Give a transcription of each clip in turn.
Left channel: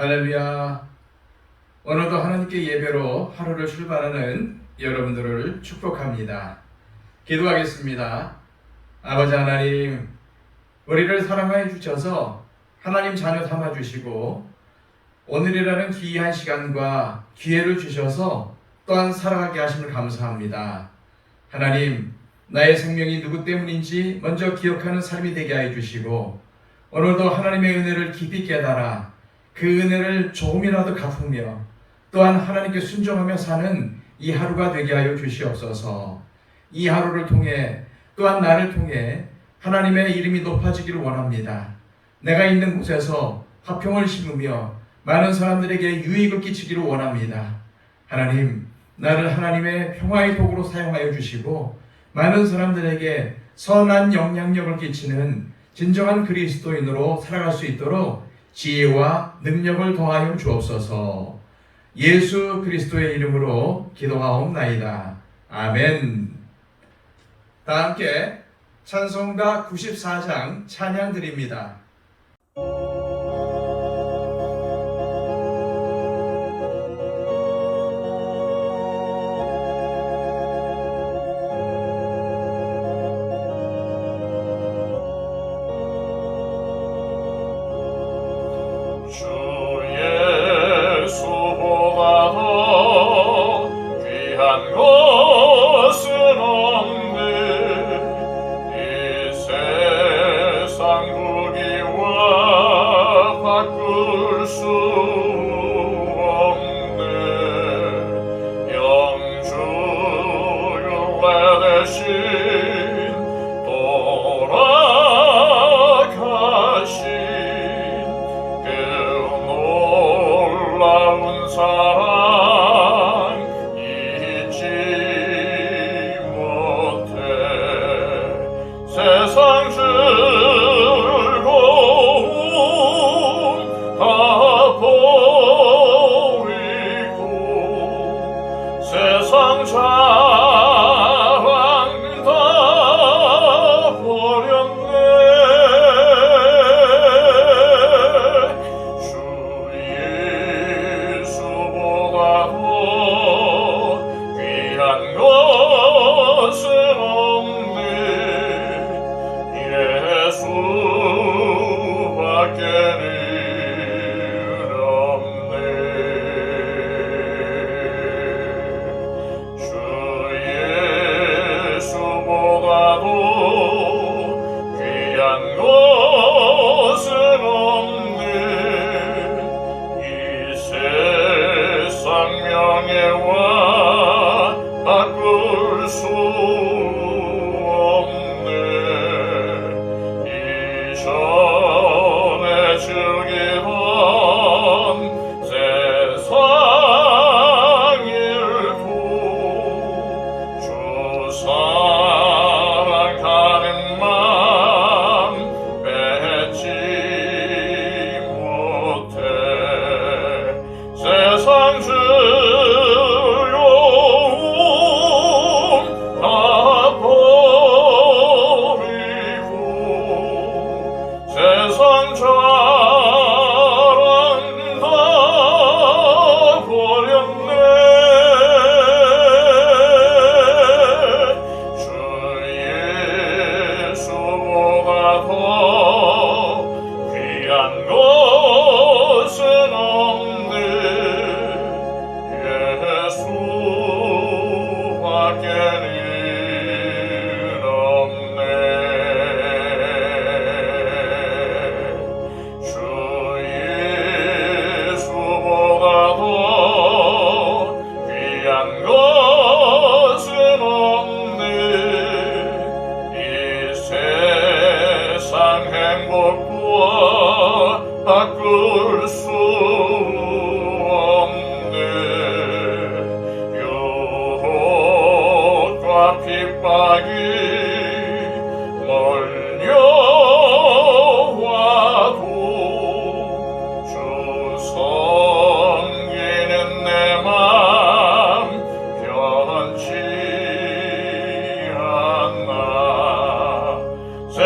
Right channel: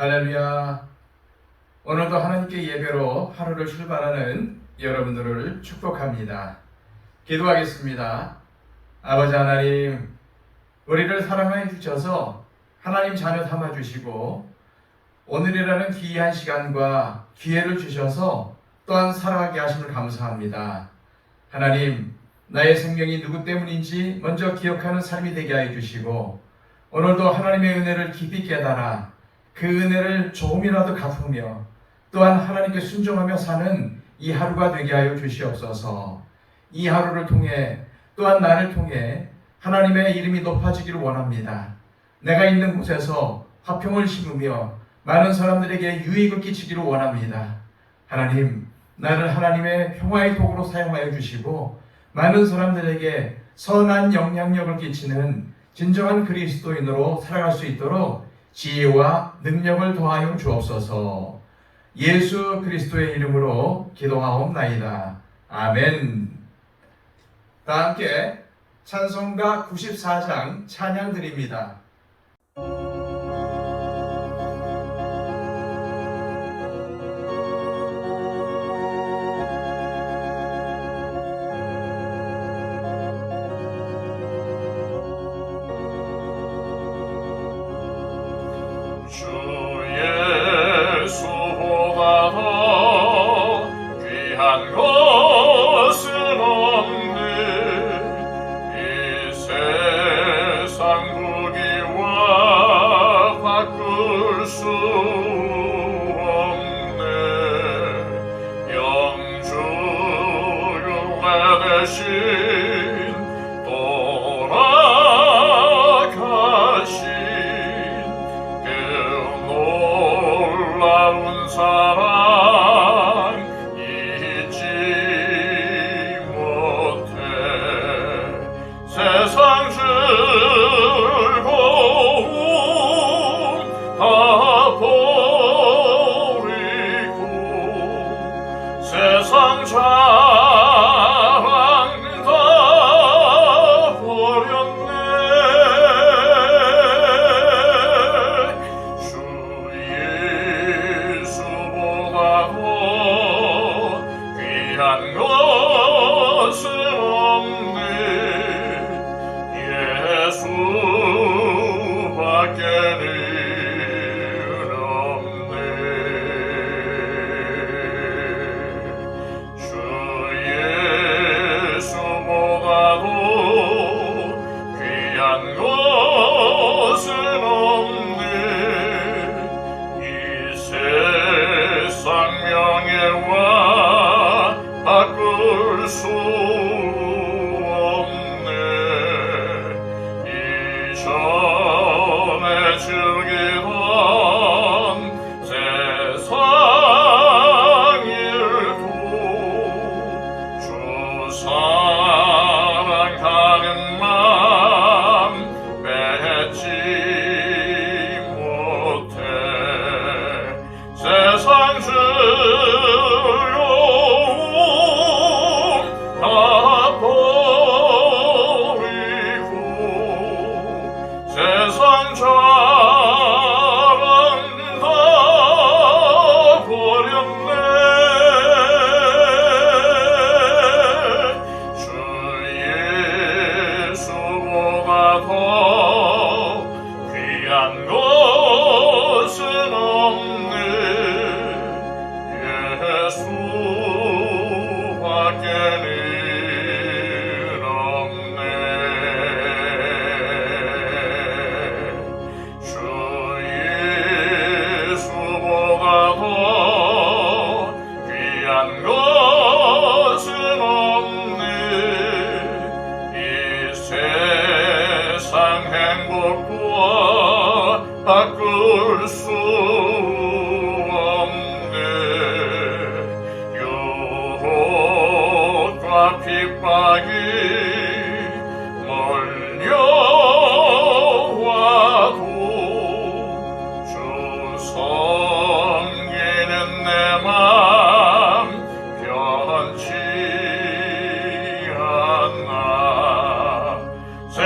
할렐루야. 오늘도 하나님께 예배로 하루를 출발하는 여러분들을 축복합니다. 기도하겠습니다. 아버지 하나님, 우리를 사랑하여 주셔서 하나님 자녀 삼아 주시고 오늘이라는 귀한 시간과 기회를 주셔서 또한 살아가게 하심을 감사합니다. 하나님, 나의 생명이 누구 때문인지 먼저 기억하는 삶이 되게 하여 주시고 오늘도 하나님의 은혜를 깊이 깨달아 그 은혜를 조금이라도 갚으며 또한 하나님께 순종하며 사는 이 하루가 되게 하여 주시옵소서. 이 하루를 통해 또한 나를 통해 하나님의 이름이 높아지기를 원합니다. 내가 있는 곳에서 화평을 심으며 많은 사람들에게 유익을 끼치기를 원합니다. 하나님, 나를 하나님의 평화의 도구로 사용하여 주시고 많은 사람들에게 선한 영향력을 끼치는 진정한 그리스도인으로 살아갈 수 있도록 지혜와 능력을 더하여 주옵소서. 예수 그리스도의 이름으로 기도하옵나이다. 아멘. 다 함께 찬송가 94장 찬양 드립니다.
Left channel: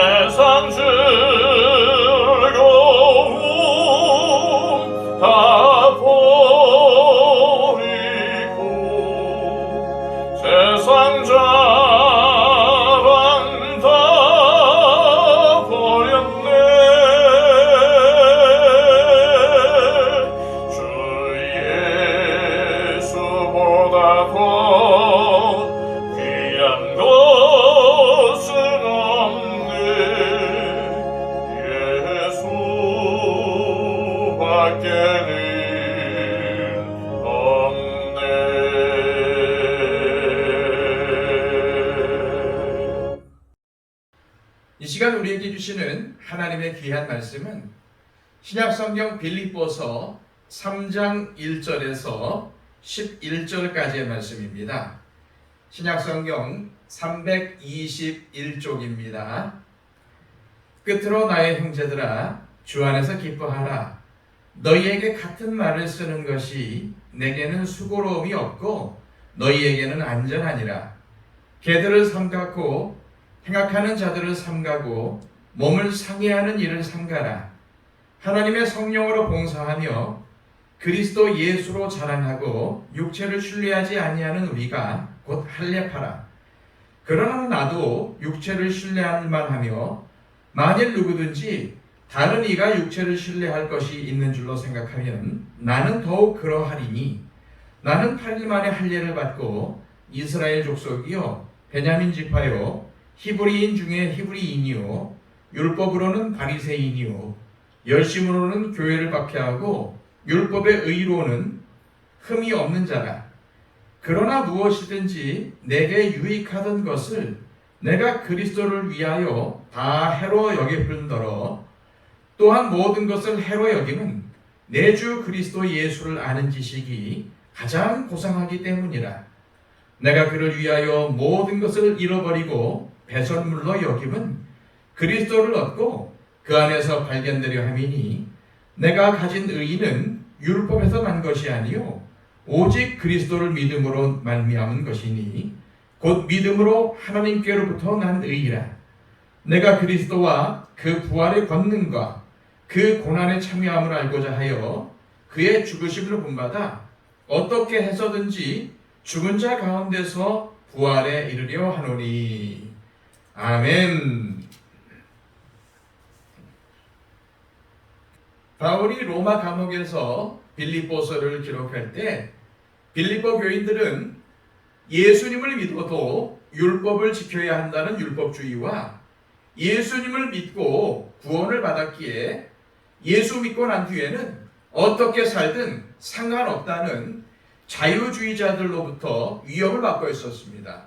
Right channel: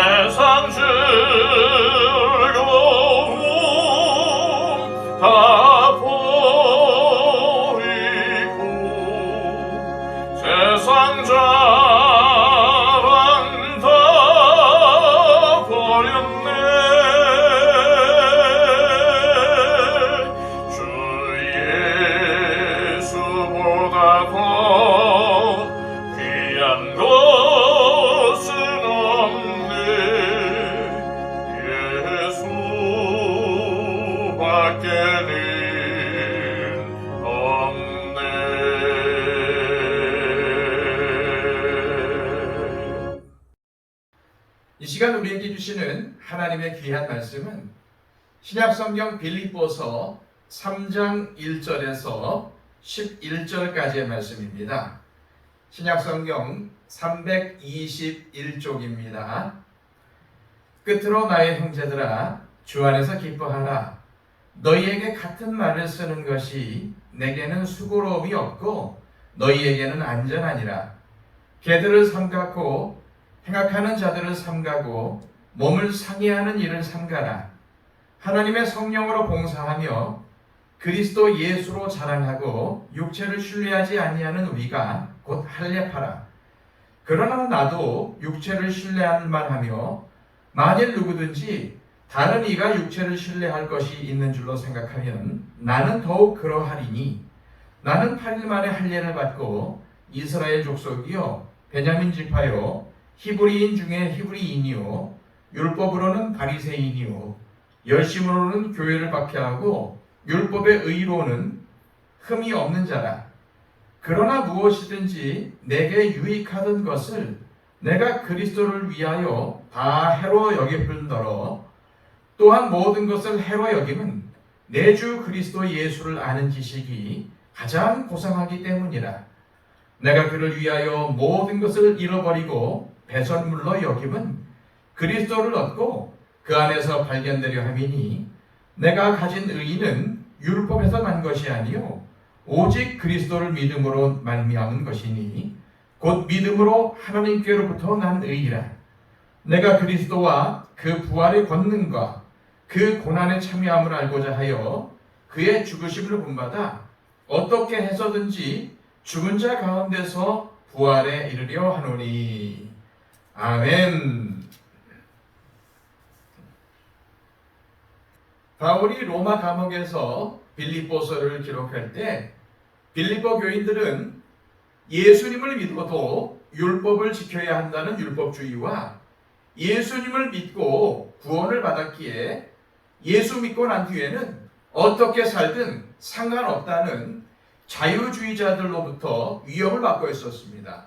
세상 주 주시는 하나님의 귀한 말씀은 신약성경 빌립보서 3장 1절에서 11절까지의 말씀입니다. 신약성경 321쪽입니다. 끝으로 나의 형제들아 주 안에서 기뻐하라. 너희에게 같은 말을 쓰는 것이 내게는 수고로움이 없고 너희에게는 안전하니라. 개들을 삼가고 행악하는 자들을 삼가고 몸을 상해하는 일을 삼가라. 하나님의 성령으로 봉사하며 그리스도 예수로 자랑하고 육체를 신뢰하지 아니하는 우리가 곧 할례파라. 그러나 나도 육체를 신뢰할 만하며 만일 누구든지 다른 이가 육체를 신뢰할 것이 있는 줄로 생각하면 나는 더욱 그러하리니 나는 8일 만에 할례를 받고 이스라엘 족속이요 베냐민 지파요 히브리인 중에 히브리인이요 율법으로는 바리새인이요 열심으로는 교회를 박해하고 율법의 의로는 흠이 없는 자라. 그러나 무엇이든지 내게 유익하던 것을 내가 그리스도를 위하여 다 해로 여길 뿐더러 또한 모든 것을 해로 여김은 내 주 그리스도 예수를 아는 지식이 가장 고상하기 때문이라. 내가 그를 위하여 모든 것을 잃어버리고 배설물로 여김은 그리스도를 얻고 그 안에서 발견되려 함이니 내가 가진 의의는 율법에서 난 것이 아니요 오직 그리스도를 믿음으로 말미암은 것이니 곧 믿음으로 하나님께로부터 난 의의라. 내가 그리스도와 그 부활의 권능과 그 고난에 참여함을 알고자 하여 그의 죽으심을 본받아 어떻게 해서든지 죽은 자 가운데서 부활에 이르려 하노니. 아멘. 바울이 로마 감옥에서 빌립보서를 기록할 때 빌립보 교인들은 예수님을 믿어도 율법을 지켜야 한다는 율법주의와 예수님을 믿고 구원을 받았기에 예수 믿고 난 뒤에는 어떻게 살든 상관없다는 자유주의자들로부터 위협을 받고 있었습니다.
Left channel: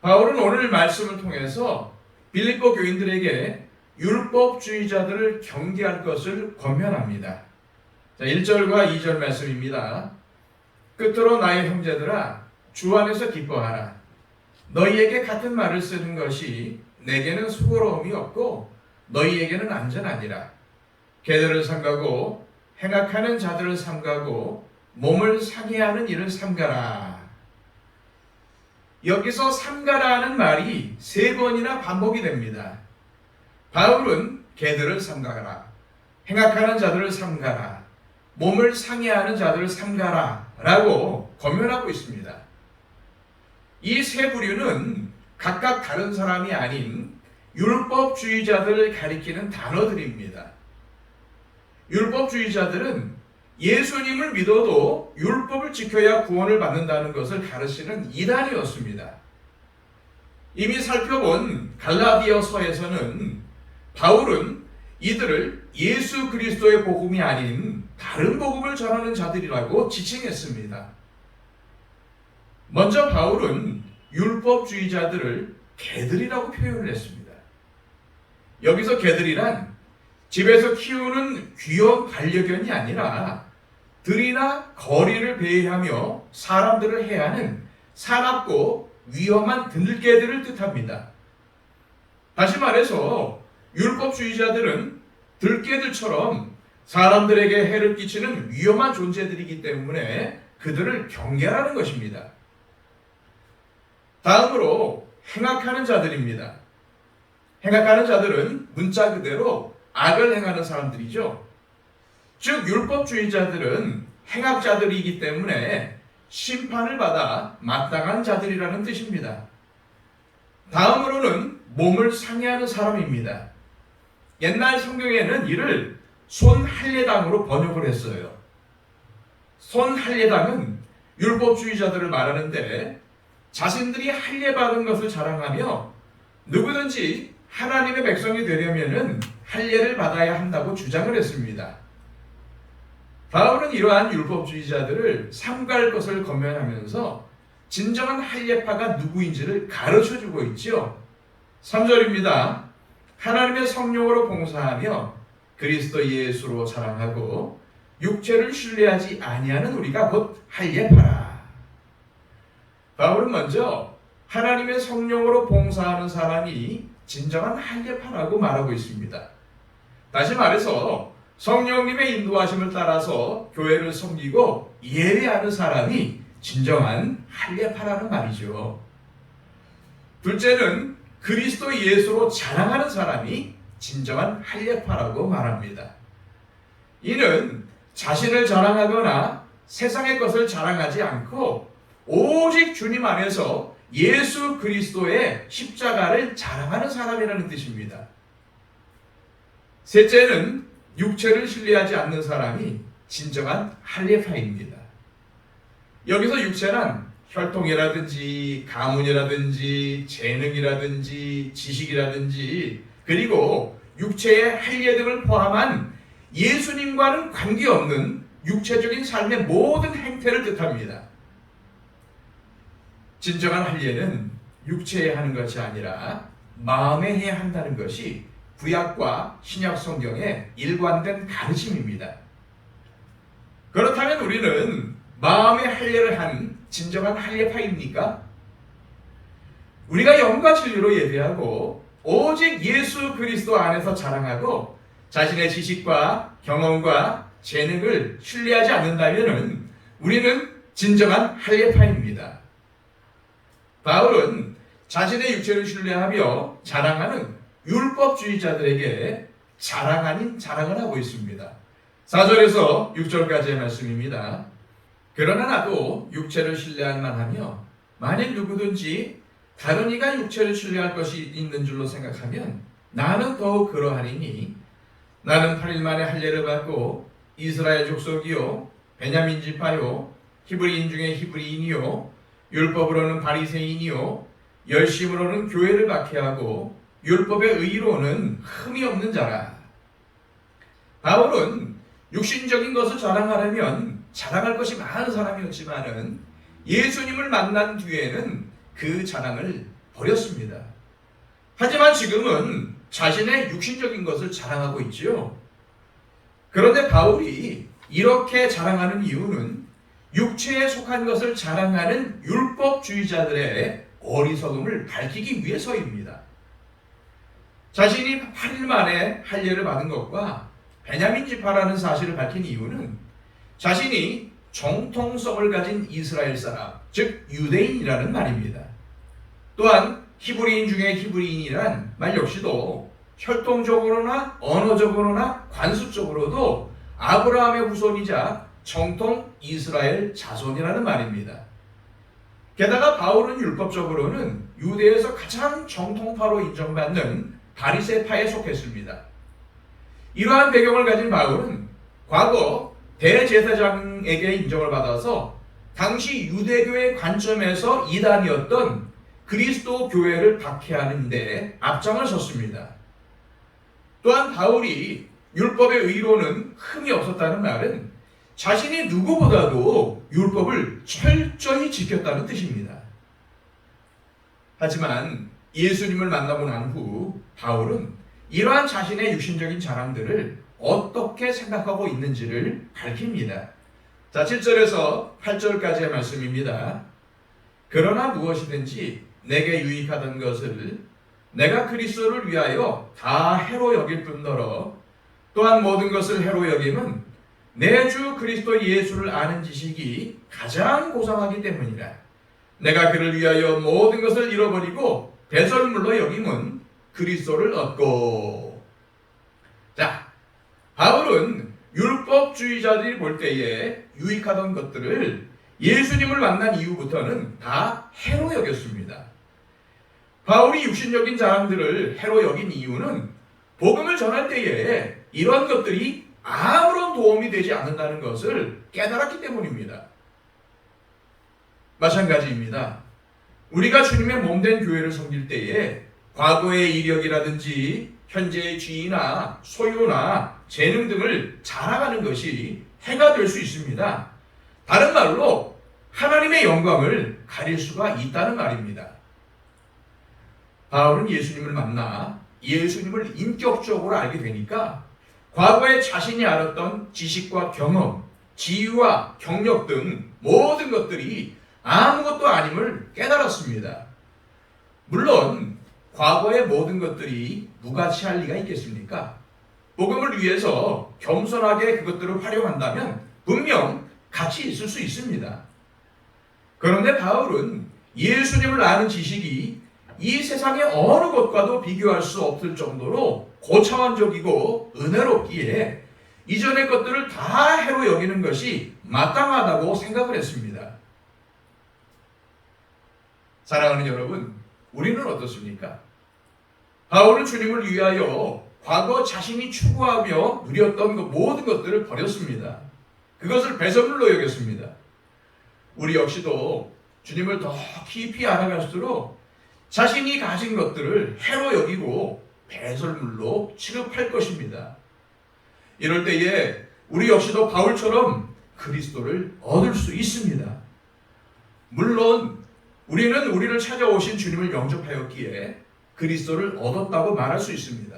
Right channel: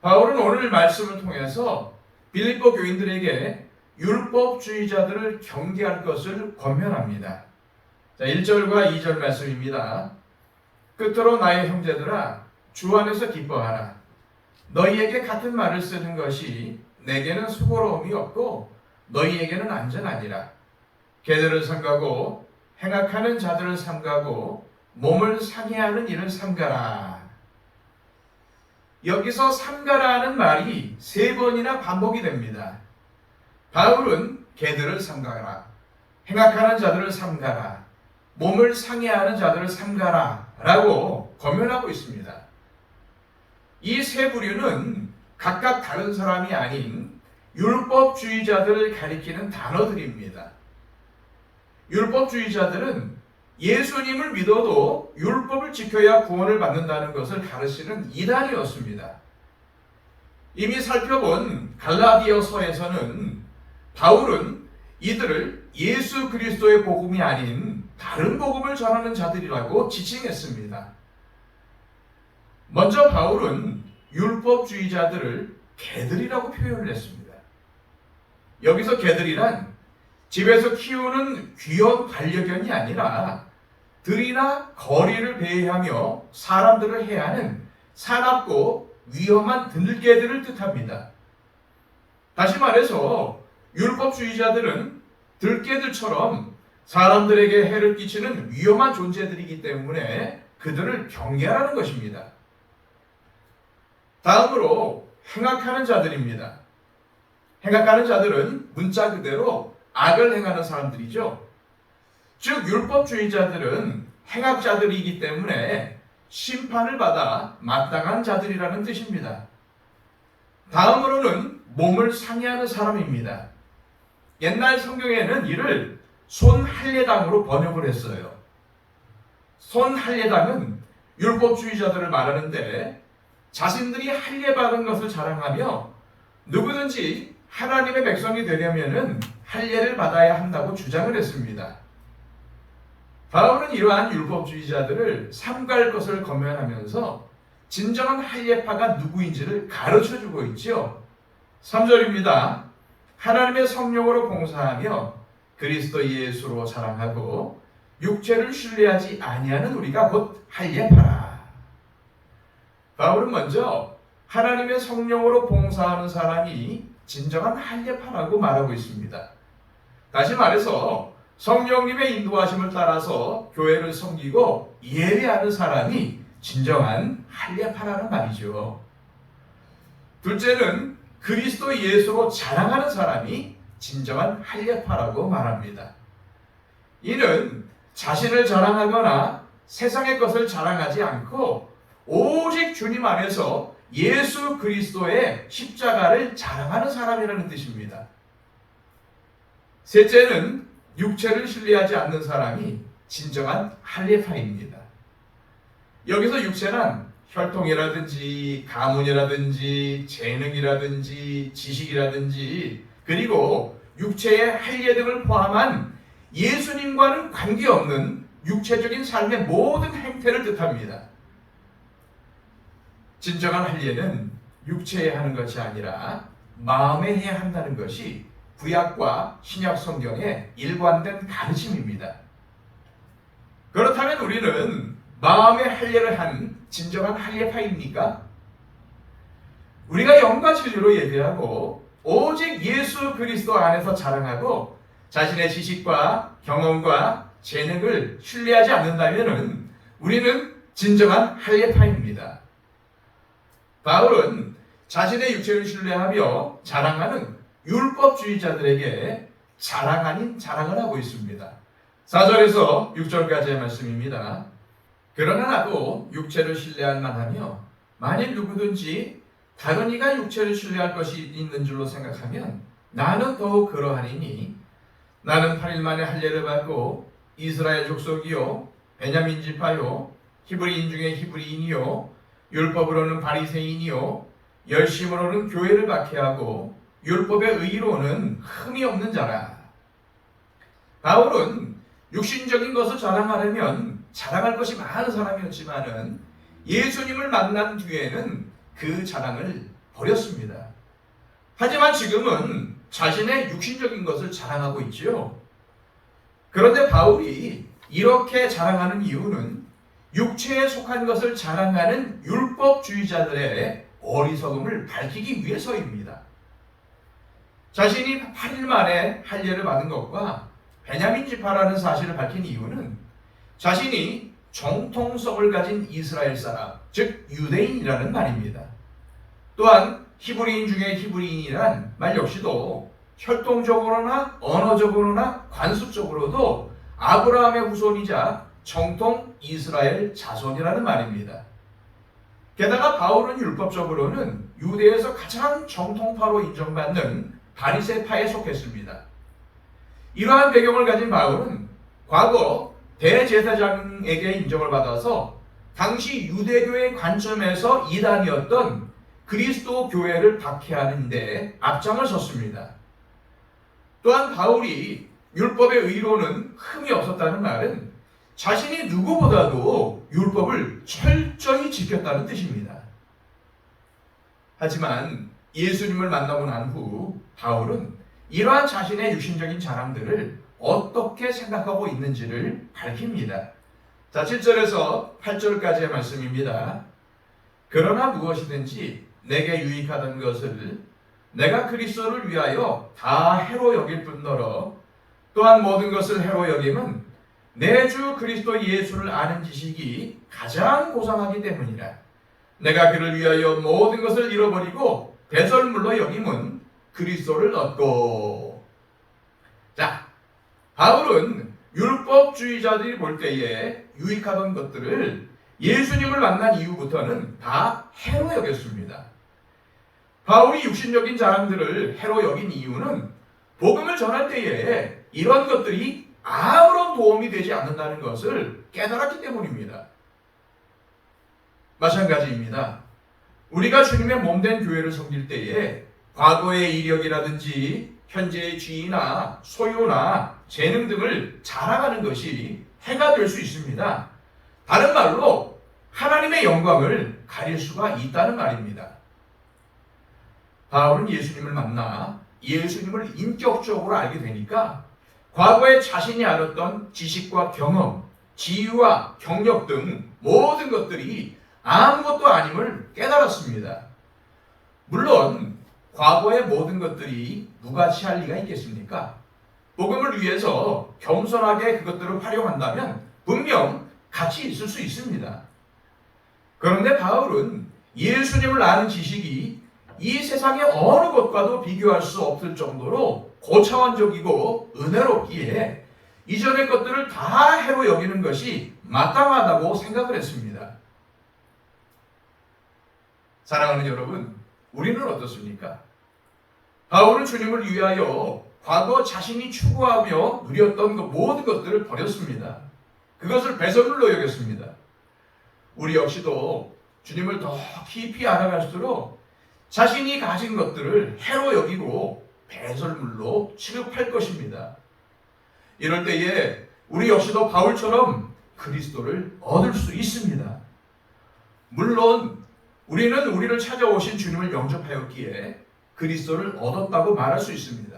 바울은 오늘 말씀을 통해서 빌립보 교인들에게 율법주의자들을 경계할 것을 권면합니다. 1절과 2절 말씀입니다. 끝으로 나의 형제들아 주 안에서 기뻐하라. 너희에게 같은 말을 쓰는 것이 내게는 수고로움이 없고 너희에게는 안전하니라. 개들을 삼가고 행악하는 자들을 삼가고 몸을 상해하는 일을 삼가라. 여기서 삼가라는 말이 3번이나 반복이 됩니다. 바울은 개들을 삼가라, 행악하는 자들을 삼가라, 몸을 상해하는 자들을 삼가라 라고 권면하고 있습니다. 이 세 부류는 각각 다른 사람이 아닌 율법주의자들을 가리키는 단어들입니다. 율법주의자들은 예수님을 믿어도 율법을 지켜야 구원을 받는다는 것을 가르치는 이단이었습니다. 이미 살펴본 갈라디아서에서는 바울은 이들을 예수 그리스도의 복음이 아닌 다른 복음을 전하는 자들이라고 지칭했습니다. 먼저 바울은 율법주의자들을 개들이라고 표현을 했습니다. 여기서 개들이란 집에서 키우는 귀여운 반려견이 아니라 들이나 거리를 배회하며 사람들을 해하는 사납고 위험한 들개들을 뜻합니다. 다시 말해서 율법주의자들은 들개들처럼 사람들에게 해를 끼치는 위험한 존재들이기 때문에 그들을 경계하는 것입니다. 다음으로 행악하는 자들입니다. 행악하는 자들은 문자 그대로 악을 행하는 사람들이죠. 즉 율법주의자들은 행악자들이기 때문에 심판을 받아 마땅한 자들이라는 뜻입니다. 다음으로는 몸을 상해하는 사람입니다. 옛날 성경에는 이를 손할례당으로 번역을 했어요. 손할례당은 율법주의자들을 말하는데 자신들이 할례받은 것을 자랑하며 누구든지 하나님의 백성이 되려면 할례를 받아야 한다고 주장을 했습니다. 바울은 이러한 율법주의자들을 삼갈 것을 권면하면서 진정한 할례파가 누구인지를 가르쳐주고 있죠. 3절입니다. 하나님의 성령으로 봉사하며 그리스도 예수로 자랑하고 육체를 신뢰하지 아니하는 우리가 곧 할례파라. 바울은 먼저 하나님의 성령으로 봉사하는 사람이 진정한 할례파라고 말하고 있습니다. 다시 말해서 성령님의 인도하심을 따라서 교회를 섬기고 예배하는 사람이 진정한 할례파라는 말이죠. 둘째는 그리스도 예수로 자랑하는 사람이 진정한 할례파라고 말합니다. 이는 자신을 자랑하거나 세상의 것을 자랑하지 않고 오직 주님 안에서 예수 그리스도의 십자가를 자랑하는 사람이라는 뜻입니다. 셋째는 육체를 신뢰하지 않는 사람이 진정한 할례파입니다. 여기서 육체란 혈통이라든지 가문이라든지 재능이라든지 지식이라든지 그리고 육체의 할례 등을 포함한 예수님과는 관계없는 육체적인 삶의 모든 행태를 뜻합니다. 진정한 할례는 육체에 하는 것이 아니라 마음에 해야 한다는 것이 구약과 신약 성경의 일관된 가르침입니다. 그렇다면 우리는 마음의 할례를 한 진정한 할례파입니까? 우리가 영과 진리로 예배하고 오직 예수 그리스도 안에서 자랑하고 자신의 지식과 경험과 재능을 신뢰하지 않는다면 우리는 진정한 할례파입니다. 바울은 자신의 육체를 신뢰하며 자랑하는 율법주의자들에게 자랑 아닌 자랑을 하고 있습니다. 4절에서 6절까지의 말씀입니다. 그러나 나도 육체를 신뢰할만 하며 만일 누구든지 다른 이가 육체를 신뢰할 것이 있는 줄로 생각하면 나는 더욱 그러하리니 나는 8일 만에 할례를 받고 이스라엘 족속이요 베냐민 지파요 히브리인 중에 히브리인이요 율법으로는 바리새인이요 열심으로는 교회를 박해하고 율법의 의로는 흠이 없는 자라. 바울은 육신적인 것을 자랑하려면 자랑할 것이 많은 사람이었지만은 예수님을 만난 뒤에는 그 자랑을 버렸습니다. 하지만 지금은 자신의 육신적인 것을 자랑하고 있지요. 그런데 바울이 이렇게 자랑하는 이유는 육체에 속한 것을 자랑하는 율법주의자들의 어리석음을 밝히기 위해서입니다. 자신이 8일 만에 할례를 받은 것과 베냐민 지파라는 사실을 밝힌 이유는 자신이 정통성을 가진 이스라엘 사람, 즉 유대인이라는 말입니다. 또한 히브리인 중에 히브리인이란 말 역시도 혈통적으로나 언어적으로나 관습적으로도 아브라함의 후손이자 정통 이스라엘 자손이라는 말입니다. 게다가 바울은 율법적으로는 유대에서 가장 정통파로 인정받는 바리새파에 속했습니다. 이러한 배경을 가진 바울은 과거 대제사장에게 인정을 받아서 당시 유대교의 관점에서 이단이었던 그리스도 교회를 박해하는 데 앞장을 섰습니다. 또한 바울이 율법의 의로는 흠이 없었다는 말은 자신이 누구보다도 율법을 철저히 지켰다는 뜻입니다. 하지만 예수님을 만나고 난 후 바울은 이러한 자신의 육신적인 자랑들을 어떻게 생각하고 있는지를 밝힙니다. 자, 7절에서 8절까지의 말씀입니다. 그러나 무엇이든지 내게 유익하던 것을 내가 그리스도를 위하여 다 해로 여길 뿐더러 또한 모든 것을 해로 여김은 내 주 그리스도 예수를 아는 지식이 가장 고상하기 때문이라. 내가 그를 위하여 모든 것을 잃어버리고 대설물로 여김은 그리스도를 얻고. 자, 바울은 율법주의자들이 볼 때에 유익하던 것들을 예수님을 만난 이후부터는 다 해로 여겼습니다. 바울이 육신적인 자랑들을 해로 여긴 이유는 복음을 전할 때에 이런 것들이 아무런 도움이 되지 않는다는 것을 깨달았기 때문입니다. 마찬가지입니다. 우리가 주님의 몸된 교회를 섬길 때에 과거의 이력이라든지 현재의 지위나 소유나 재능 등을 자랑하는 것이 해가 될 수 있습니다. 다른 말로 하나님의 영광을 가릴 수가 있다는 말입니다. 바울은 예수님을 만나 예수님을 인격적으로 알게 되니까 과거에 자신이 알았던 지식과 경험, 지위와 경력 등 모든 것들이 아무것도 아님을 깨달았습니다. 물론 과거의 모든 것들이 무가치할 리가 있겠습니까? 복음을 위해서 겸손하게 그것들을 활용한다면 분명 가치 있을 수 있습니다. 그런데 바울은 예수님을 아는 지식이 이 세상의 어느 것과도 비교할 수 없을 정도로 고차원적이고 은혜롭기에 이전의 것들을 다 해로 여기는 것이 마땅하다고 생각을 했습니다. 사랑하는 여러분, 우리는 어떻습니까? 바울은 주님을 위하여 과거 자신이 추구하며 누렸던 그 모든 것들을 버렸습니다. 그것을 배설물로 여겼습니다. 우리 역시도 주님을 더 깊이 알아갈수록 자신이 가진 것들을 해로 여기고 배설물로 취급할 것입니다. 이럴 때에 우리 역시도 바울처럼 그리스도를 얻을 수 있습니다. 물론 우리는 우리를 찾아오신 주님을 영접하였기에 그리스도를 얻었다고 말할 수 있습니다.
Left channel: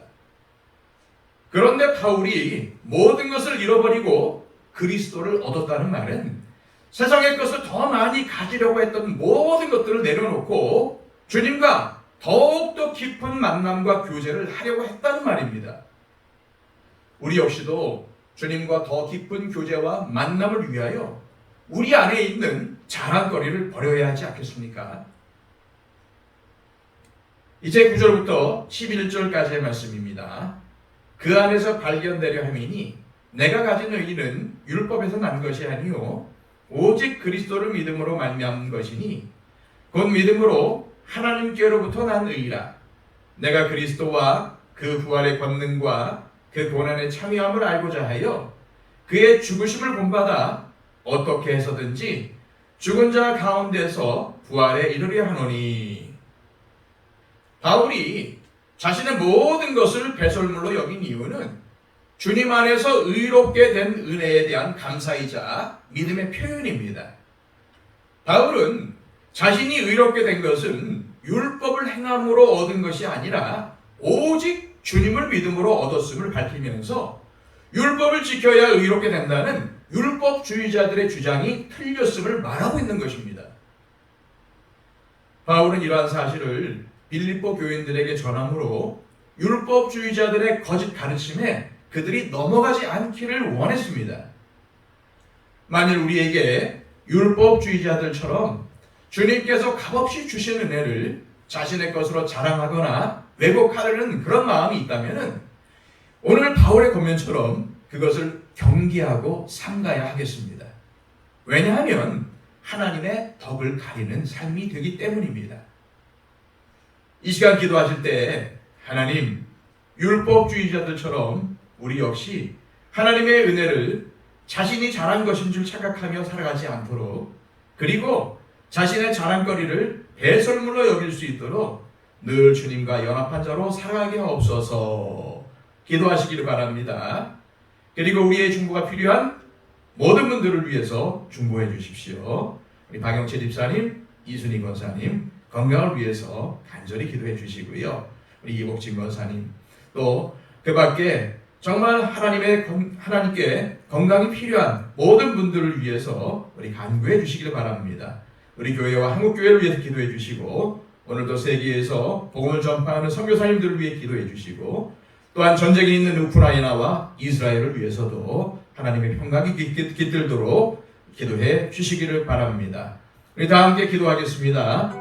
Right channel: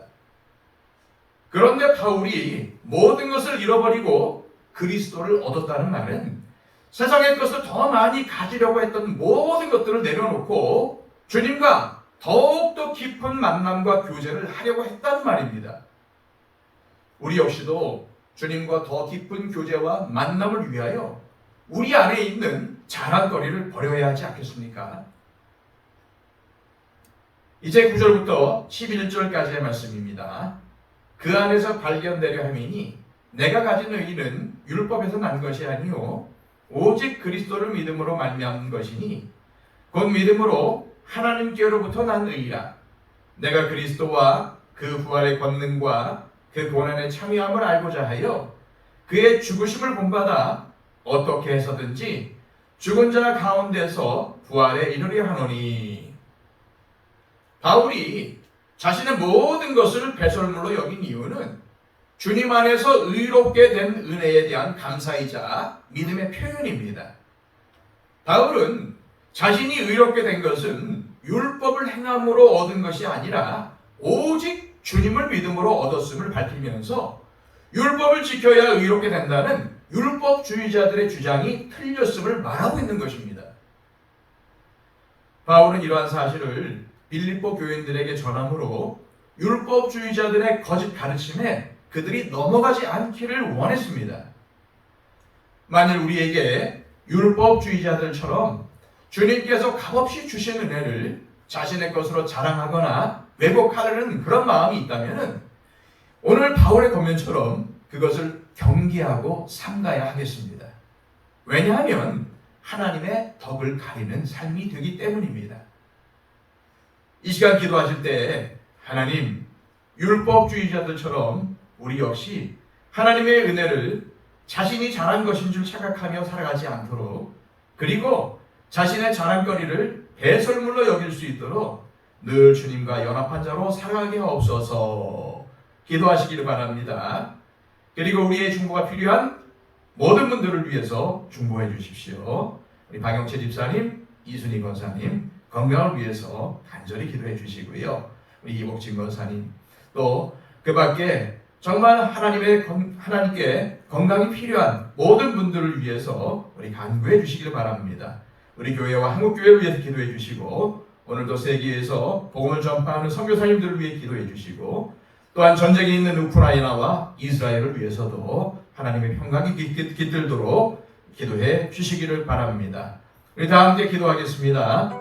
그런데 바울이 모든 것을 잃어버리고 그리스도를 얻었다는 말은 세상의 것을 더 많이 가지려고 했던 모든 것들을 내려놓고 주님과 더욱더 깊은 만남과 교제를 하려고 했다는 말입니다. 우리 역시도 주님과 더 깊은 교제와 만남을 위하여 우리 안에 있는 자랑거리를 버려야 하지 않겠습니까? 이제 9절부터 11절까지의 말씀입니다. 그 안에서 발견되려 함이니 내가 가진 의의는 율법에서 난 것이 아니요 오직 그리스도를 믿음으로 말미암은 것이니 곧 믿음으로 하나님께로부터 난 의의라. 내가 그리스도와 그 부활의 권능과 그 고난의 참여함을 알고자 하여 그의 죽으심을 본받아 어떻게 해서든지 죽은 자 가운데서 부활에 이르려 하노니. 바울이 자신의 모든 것을 배설물로 여긴 이유는 주님 안에서 의롭게 된 은혜에 대한 감사이자 믿음의 표현입니다. 바울은 자신이 의롭게 된 것은 율법을 행함으로 얻은 것이 아니라 오직 주님을 믿음으로 얻었음을 밝히면서 율법을 지켜야 의롭게 된다는 율법주의자들의 주장이 틀렸음을 말하고 있는 것입니다. 바울은 이러한 사실을 빌립보 교인들에게 전함으로 율법주의자들의 거짓 가르침에 그들이 넘어가지 않기를 원했습니다. 만일 우리에게 율법주의자들처럼 주님께서 값없이 주신 은혜를 자신의 것으로 자랑하거나 왜곡하려는 그런 마음이 있다면 오늘 바울의 권면처럼 그것을 경계하고 삼가야 하겠습니다. 왜냐하면 하나님의 덕을 가리는 삶이 되기 때문입니다. 이 시간 기도하실 때 하나님, 율법주의자들처럼 우리 역시 하나님의 은혜를 자신이 잘한 것인 줄 착각하며 살아가지 않도록, 그리고 자신의 자랑거리를 배설물로 여길 수 있도록 늘 주님과 연합한 자로 살아가게 하옵소서. 기도하시기를 바랍니다. 그리고 우리의 중보가 필요한 모든 분들을 위해서 중보해 주십시오. 우리 박영채 집사님, 이순희 권사님 건강을 위해서 간절히 기도해 주시고요. 우리 이복진 권사님, 또 그 밖에 정말 하나님께 건강이 필요한 모든 분들을 위해서 우리 간구해 주시기를 바랍니다. 우리 교회와 한국교회를 위해서 기도해 주시고, 오늘도 세계에서 복음을 전파하는 선교사님들을 위해 기도해 주시고, 또한 전쟁에 있는 우크라이나와 이스라엘을 위해서도 하나님의 평강이 깃들도록 기도해 주시기를 바랍니다. 우리 다 함께 기도하겠습니다.